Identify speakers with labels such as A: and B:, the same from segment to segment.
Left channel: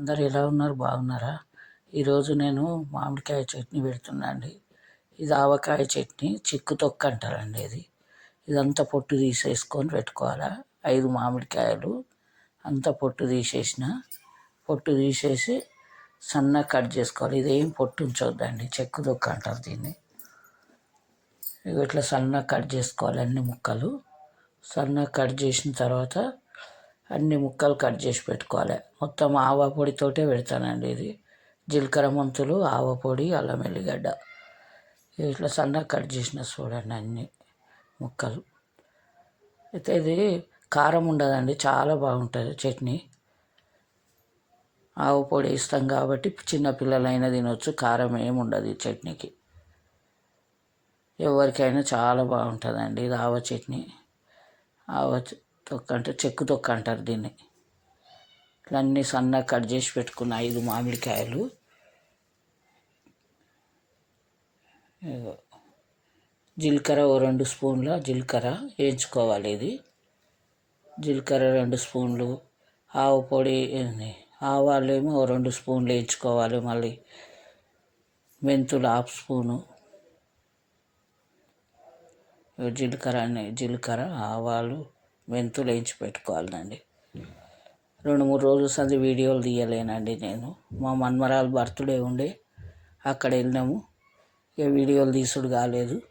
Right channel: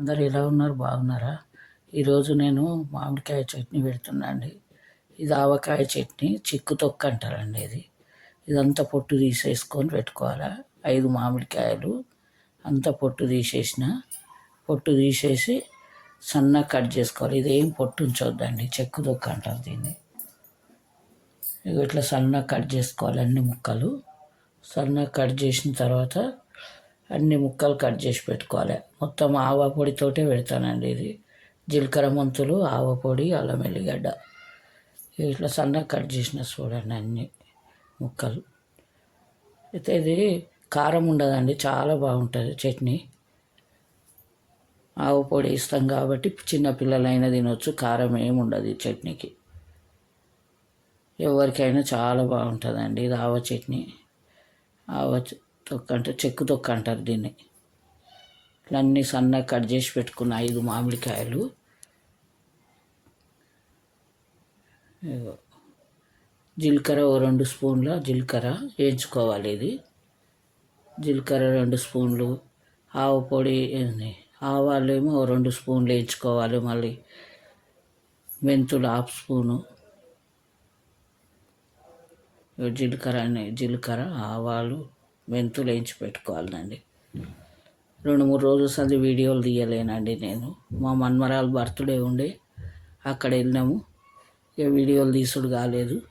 A: అందరు ఎలా ఉన్నారు? బాగున్నారా? ఈరోజు నేను మామిడికాయ చట్నీ పెడుతున్నా అండి. ఇది ఆవకాయ చట్నీ చిక్కు తొక్క అంటారండి ఇది. ఇదంతా పొట్టు తీసేసుకొని పెట్టుకోవాలా? ఐదు మామిడికాయలు అంతా పొట్టు తీసేసిన పొట్టు తీసేసి సన్నగా కట్ చేసుకోవాలి. ఇదేం పొట్టు ఉంచొద్దండి చెక్కు తొక్క అంటారు దీన్ని. ఇట్లా సన్నగా కట్ చేసుకోవాలి అన్ని ముక్కలు. సన్నగా కట్ చేసిన తర్వాత అన్ని ముక్కలు కట్ చేసి పెట్టుకోవాలి. మొత్తం ఆవ పొడితోటే పెడతానండి ఇది. జీలకర్ర మెంతులు ఆవ పొడి అల్లం ఎల్లిగడ్డ. ఇట్లా సన్నగా కట్ చేసిన చూడండి అన్ని ముక్కలు. అయితే ఇది కారం ఉండదండి చాలా బాగుంటుంది చట్నీ. ఆవు పొడి ఇస్తాం కాబట్టి చిన్నపిల్లలైనా తినొచ్చు కారం ఏమి ఉండదు ఈ చట్నీకి. ఎవరికైనా చాలా బాగుంటుందండి ఇది ఆవ చట్నీ. ఆవ తొక్క అంటే చెక్కు తొక్క అంటారు దీన్ని. ఇట్లా అన్నీ సన్నగా కట్ చేసి పెట్టుకున్న ఐదు మామిడికాయలు. జీలకర్ర ఓ రెండు స్పూన్ల జీలకర్ర వేయించుకోవాలి ఇది. జీలకర్ర రెండు స్పూన్లు ఆవు పొడి ఆవాలు ఏమో ఓ రెండు స్పూన్లు వేయించుకోవాలి మళ్ళీ. మెంతులు హాఫ్ స్పూను. జీలకర్ర అని జీలకర్ర ఆవాలు మెంతులు వేయించి పెట్టుకోవాలండి రెండు మూడు రోజులు సంది వీడియోలు తీయలేనండి నేను. మా మన్మరాలు బర్త్డే ఉండే అక్కడ వెళ్ళినాము. ఇక వీడియోలు తీసుడు కాలేదు.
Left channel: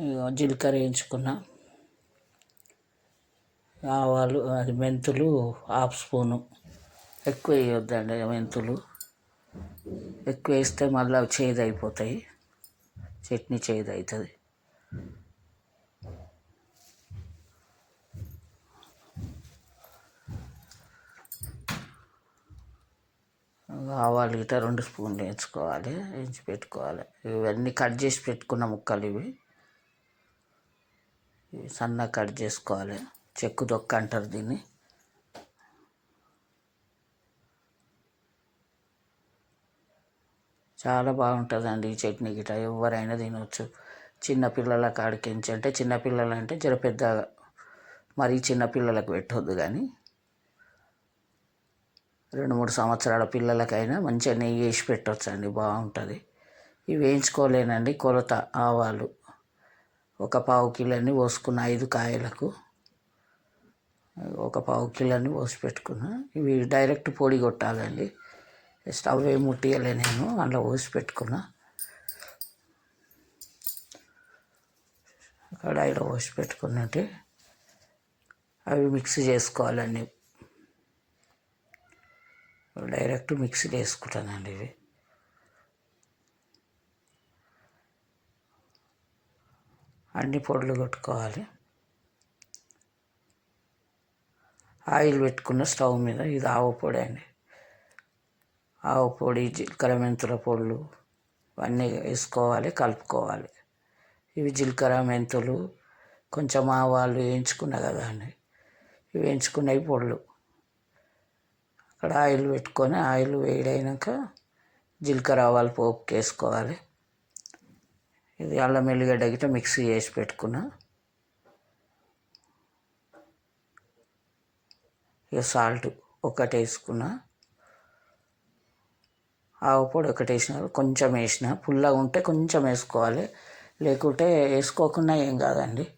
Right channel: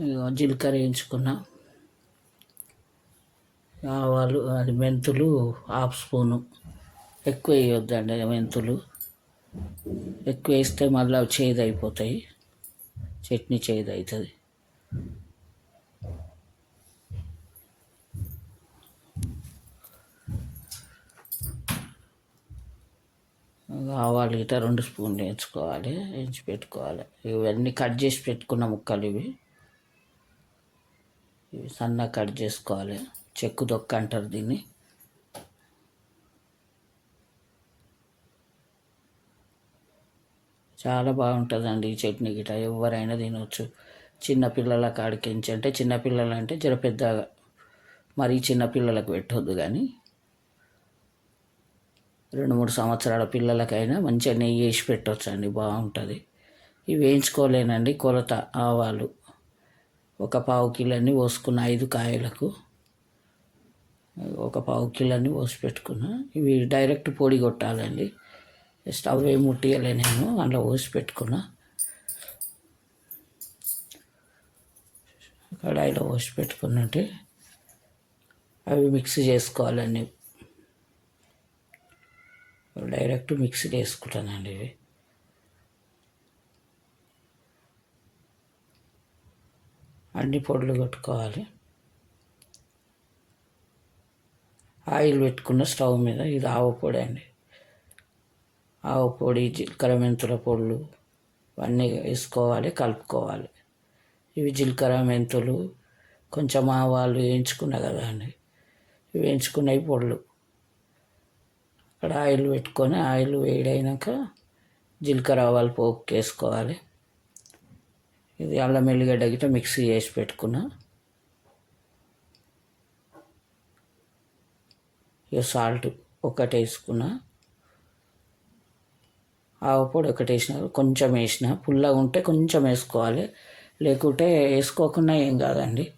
A: ఇక జీలకర్ర వేయించుకున్నా. ఆవాలు అది మెంతులు హాఫ్ స్పూను. ఎక్కువ వేయొద్దండి మెంతులు. ఎక్కువ వేస్తే మళ్ళీ అవి చేదు అయిపోతాయి చట్నీ చేదు అవుతుంది ఆవాలు గిట్ట రెండు స్పూన్లు వేయించుకోవాలి వేయించి పెట్టుకోవాలి. ఇవన్నీ కట్ చేసి పెట్టుకున్న ముక్కలు ఇవి. ఇవి సన్నగా కట్ చేసుకోవాలి. చెక్కు దొక్క అంటారు దీన్ని. చాలా బాగుంటుందండి ఈ చట్నీ గిట్ట ఎవరైనా తినవచ్చు చిన్నపిల్లల కాడికించి అంటే చిన్నపిల్లలు అంటే జర పెద్దగా మరీ చిన్నపిల్లలకు పెట్టొద్దు కానీ. రెండు మూడు సంవత్సరాల పిల్లలకైనా మంచిగా నెయ్యి వేసి పెట్టవచ్చండి బాగుంటుంది. ఇవి వేయించుకోలేనండి కొలత ఆవాలు. ఒక పావు కిలోని పోసుకున్న ఐదు కాయలకు ఒక పావు కిలోని పోసి పెట్టుకున్నా. ఇవి డైరెక్ట్ పొడి కొట్టాలండి. స్టవ్ ఏం ముట్టియలే నేను అందులో పోసి పెట్టుకున్నా. కడాయిలో పోసి పెట్టుకున్నట్టు. అవి మిక్స్ చేసుకోవాలండి. డైరెక్ట్ మిక్సీలో వేసుకుంటానండి ఇవి. అన్ని పొడులు కొట్టుకోవాలి. ఆయిల్ పెట్టుకున్న స్టవ్ మీద ఇది ఆవు పొడి అండి. ఆవు పొడి జీలకర్ర మెంతుల పొడులు అన్నీ వేసుకోవాలి కలుపుకోవాలి. ఇవి జీలకర్ర మెంతులు కొంచెం ఆవాలు వేయించుకున్నా కదా అండి. ఇవి వేయించుకునే పొడులు. అక్కడ ఆయిల్ పెట్టుకొని ఆయిల్ వేడైనాక జీలకర్ర ఆవాలు పోపు వేసుకోవాలి. ఇది అల్లం ఎల్లిగడ్డ గిట్ట మిక్సీ చేసి పెట్టుకున్నా. ఇక సాల్ట్ ఒకటి వేసుకున్నా. ఆవు పొడి ఒకటి వేసిన కొంచెం వేసిన. పుల్లగా ఉంటే కొంచెం వేసుకోవాలి. లేకుంటే వేసుకోకుండా ఏం కాదండి.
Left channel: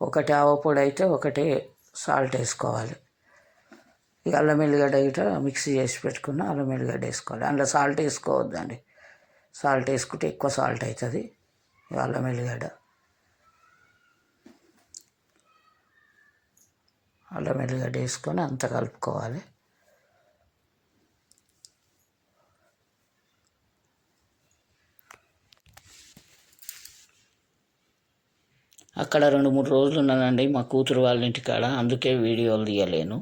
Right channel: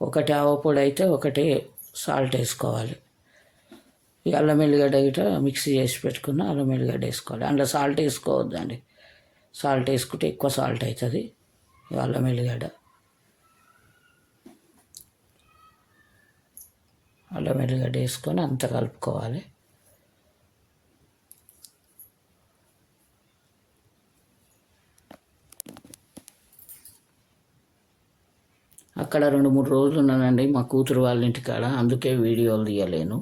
A: ఒకటి ఆవు పొడి అయితే ఒకటి సాల్ట్ వేసుకోవాలి. అల్లం ఎల్లిగడ్డ గిట్ట మిక్సీ చేసి పెట్టుకున్న అల్లం ఎల్లిగడ్డ వేసుకోవాలి. అందులో సాల్ట్ వేసుకోవద్దండి. సాల్ట్ వేసుకుంటే ఎక్కువ సాల్ట్ అవుతుంది. ఈ అల్లం ఎల్లిగడ్డ. అల్లం ఎల్లిగడ్డ వేసుకొని అంత కలుపుకోవాలి. అక్కడ రెండు మూడు రోజులు ఉన్నానండి మా కూతురు వాళ్ళ ఇంటికాడ. అందుకే వీడియోలు తీయలేను.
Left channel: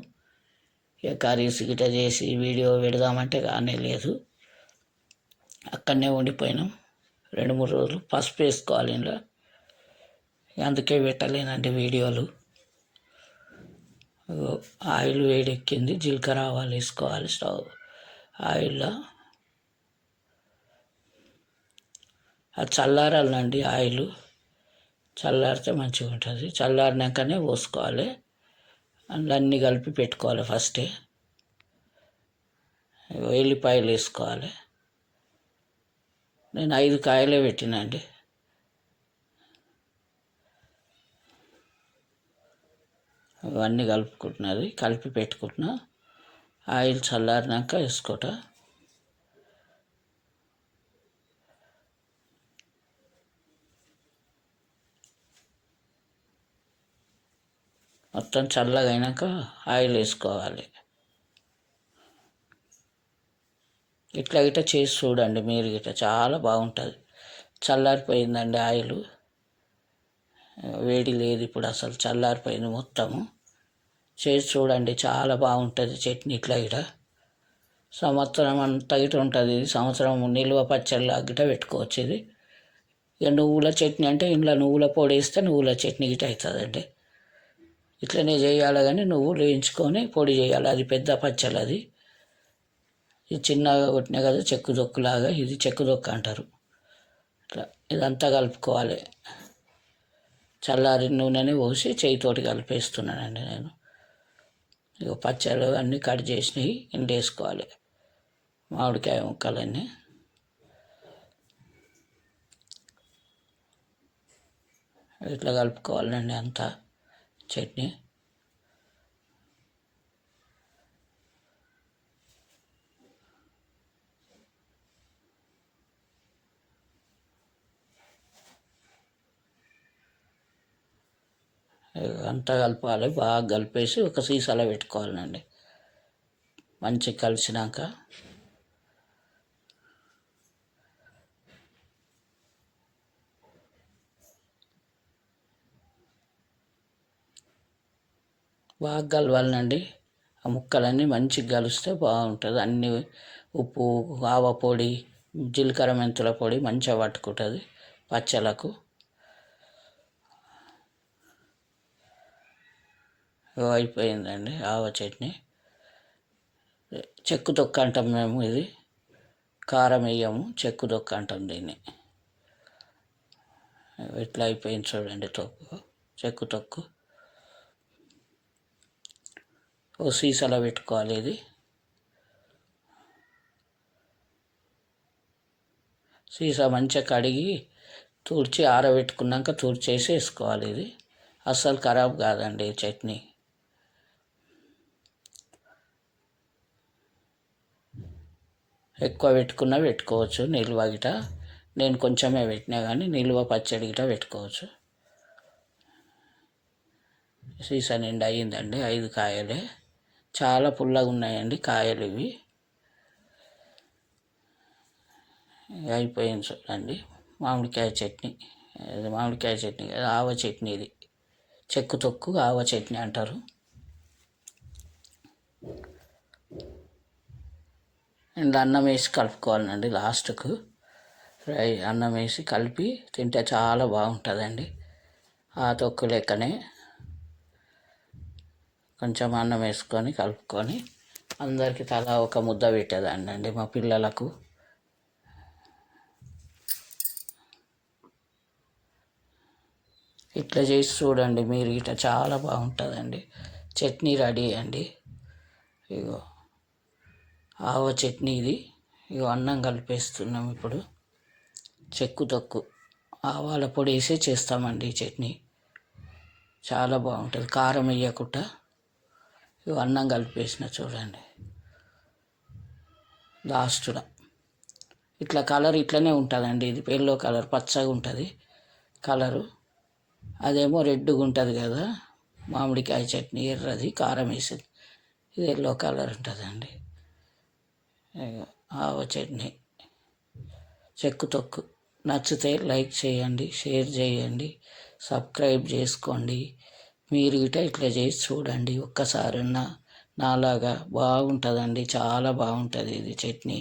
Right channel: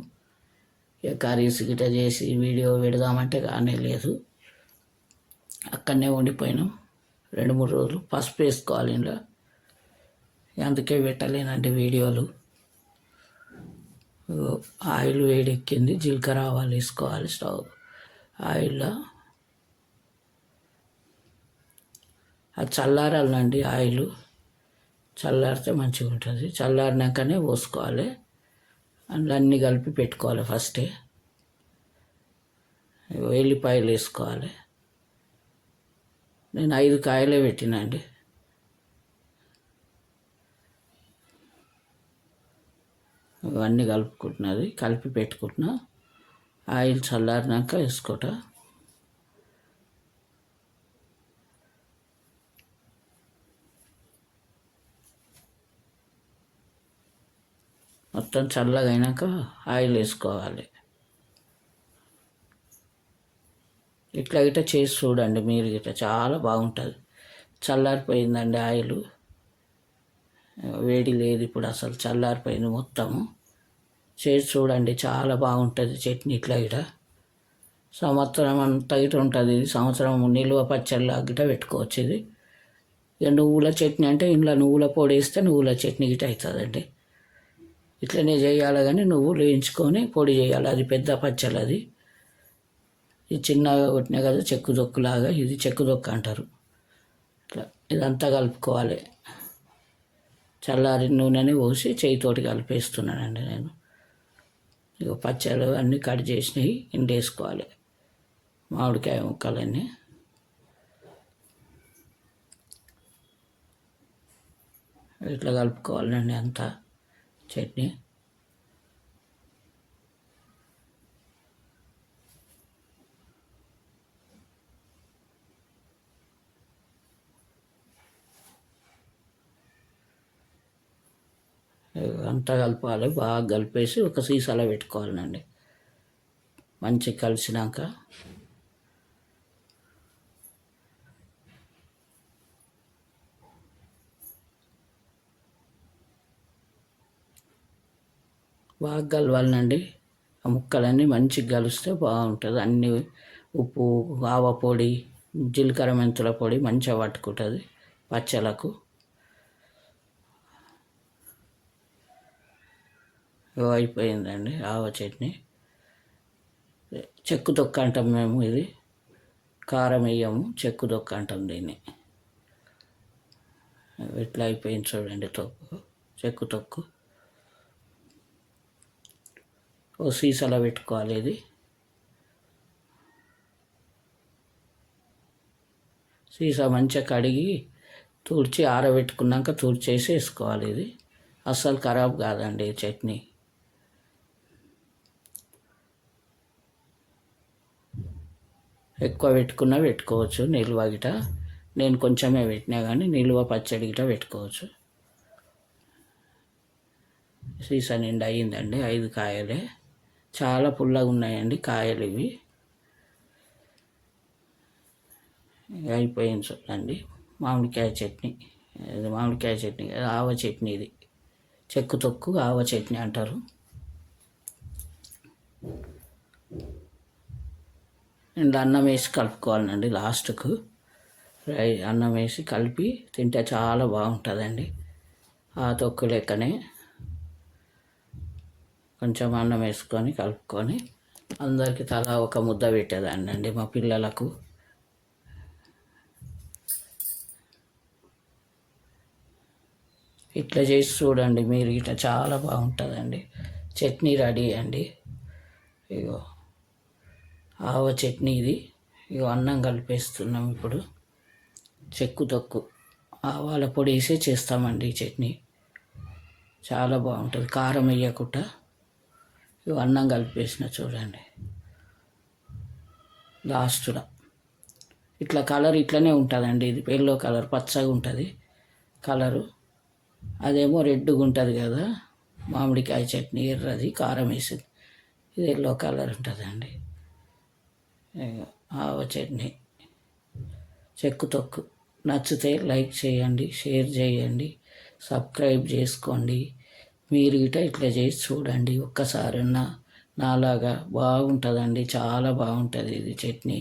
A: ఇక కర్రీస్ గిట్ట చేసి వీడియో పెడదామంటే కానీ లేదు. అక్కడనే ఉండిపోయినాం. రెండు మూడు రోజులు పసుపు వేసుకోవాలి ఇంట్లో అందుకే పెట్టలేనండి వీడియోలు. ఆయిల్ వేడెక్కింది. జీలకర్ర ఆవాలు వేసుకోవాలి స్టవ్ ఆయిల్లో. అది చల్లారాలండి ఆయిల్. చల్లారితే మంచిగా ఉంటుంది చల్లారినాకనే పోసుకోవాలి. అందులో అన్నీ కలిపి పెట్టుకోవాలి ఫస్టే. ఎల్లిపాయలు వేసుకోవాలి. నేను ఐదు కాయలే పెట్టినండి ఇవన్నీ కలుపుకుంటున్నది కలిపి పెట్టుకుంటున్నా. ఆయిల్ చల్లారినాక వేసుకోట. మొత్తం చల్లగా అయినాక ఆయిల్ వేసుకోవాలి. ఇట్లా ఇట్లా చేసి చూడండి మీరు ఇట్లా చాలా బాగుంటుంది. చల్లారిపోయిందండి ఆయిల్. వేడి లేదు ఇప్పుడు అసలు చల్లారిపోయింది మొత్తము. చేసి చూడండి చాలా బాగుంటుంది చట్నీ ఇట్లా ఇట సంవత్సరం అంతా ఇటు ఉంటుంది ఇది. సంవత్సరం నిల్వ పచ్చళ్ళ గిట పెట్టుకోవచ్చు ఇది. ఇక నువ్వుల చట్నీ అంటే ఇంట్లో నువ్వుల పొడి వేస్తే నువ్వుల చట్నీ గిట అవుతుందండి. ఇట్లనే చేయాలి కానీ నువ్వు లేయించుకొని పొడి చేయాలి. అది పెద్ద పచ్చళ్ళు అది. ఇది చిన్నగా కొట్టినా కదా చెక్కు దొక్కులాగా ఇది చెక్కు దొక్క అంటారు. ఇట్లా ఇదంతా కలుపుకోవాలి. చల్లారి నూనెని పోసి చేయితోటి కలిపేస్తున్నానండి నేను. ఇక పచ్చళ్ళు అన్నీ కట్ చేసినవి ఎండేసుకోవాలి మామిడికాయ ముక్కలన్నీ. ఇట్లా కలుపుకోవాలండి అంతా. చట్నీ. అంతా కలపాలి బాగా కలిపేసి ఒక సీసాలో పెట్టుకోవాలండి. మంచిగా కలిసినాక బాగా కలవాలండి ఆ ముక్కలన్నీ మంచిగా కలిస్తే బాగుంటుంది. అన్నీ ఉప్పు ఆవ పొడి జీలకర్ర మెంతుల పొడి మంచిగా పట్టుకుంటుంది పచ్చలకు అయిపోయిందండి ఆవ చట్నీ. చెక్కు దొక్క అంటాం మేము ఇది. కారం వేయము చెక్కు దొక్క అంటాం దీన్ని. ఇట్లా అయిపోయింది చూడండి తొక్కు చెక్కు తొక్కు. ఓ సీసాలో పెట్టుకోవాలి ఇది. సీసా మంచిగా కడిగి తుడిచి ఆరబెట్టుకున్నాక తుడిచేసి వేసుకోవాలి ఇది. అస్సలు ఖరాబ్ కాదండి చట్నీ. ఎక్కువ పెట్టుకున్నా పెట్టుకోవచ్చు నిల్వ గిట. నేను కొంచెమే పెట్టినా కానీ నిల్వ పచ్చడి గిట పెట్టుకోవచ్చు. సీసా నిండా అయ్యిందండి ఐదు కాయలే. చాలా పుల్లగా ఉన్నాయండి కాయలు ఇవి. అయిపోయింది చూడండి. మామిడికాయ చట్నీ. ఇది మామిడికాయ చట్నీ కాదు, ఆవ చట్నీ ఇది. చెక్కు తొక్కు ఆవ చట్నీ అంటారు. అండ్ అన్నం వేసి కలుపుకోవాలండి లాస్ట్కు. ఫ్రై అన్నం వేసి కలిపి తింటే చాలా బాగుంటుందండి. ఆ తొక్కు లెక్కనే. కొంచెం అన్నం వేసుకొని కలుపుకొని అందరికీ తలా ఒక ముద్ద పెట్టేదాన్ని అండి మా పిల్లలకు. ఇట్లా చేసి చూడండి మీరు ఇట్లా చాలా బాగుంటుందండి. చట్నీ రెడీ అండి. ఇగో ఆవ చట్నీ ఇది. ఇగో అన్నం కలిపేస్తున్నాం ఇప్పుడు. చెక్కు తొక్కు. ఆవాల పొడి వేసే చేస్తామండి ఈ చట్నీ. చాలా బాగుంటుంది. కారం వేయకుండా. అన్నం కలిపేసిన చూడండి. లాస్ట్లో. ఇట్లా కలర్ ఇట్లనే ఉంటుందండి ఇది. ఎల్లో కలర్ పచ్చగా ఉంటుంది కలరు. అదేమో రెడ్గా ఉంటుంది కదా. మామిడికాయ చట్నీ ఎర్రది కారం వేసేది. ఇది ఎల్లో కలర్ ఉంటుందండి. ఆవ చట్నీ. చెక్కు తొక్కు. నచ్చితే లైక్ చేయండి షేర్ చేయండి సబ్స్క్రైబ్ చేసుకోండి. మీరు గిట ఇట్లా చేసి చూడండి ఒక్కసారన్నా నాలాగా బాగుంటుందండి చాలా బాగుంటుంది ఇది చట్నీ.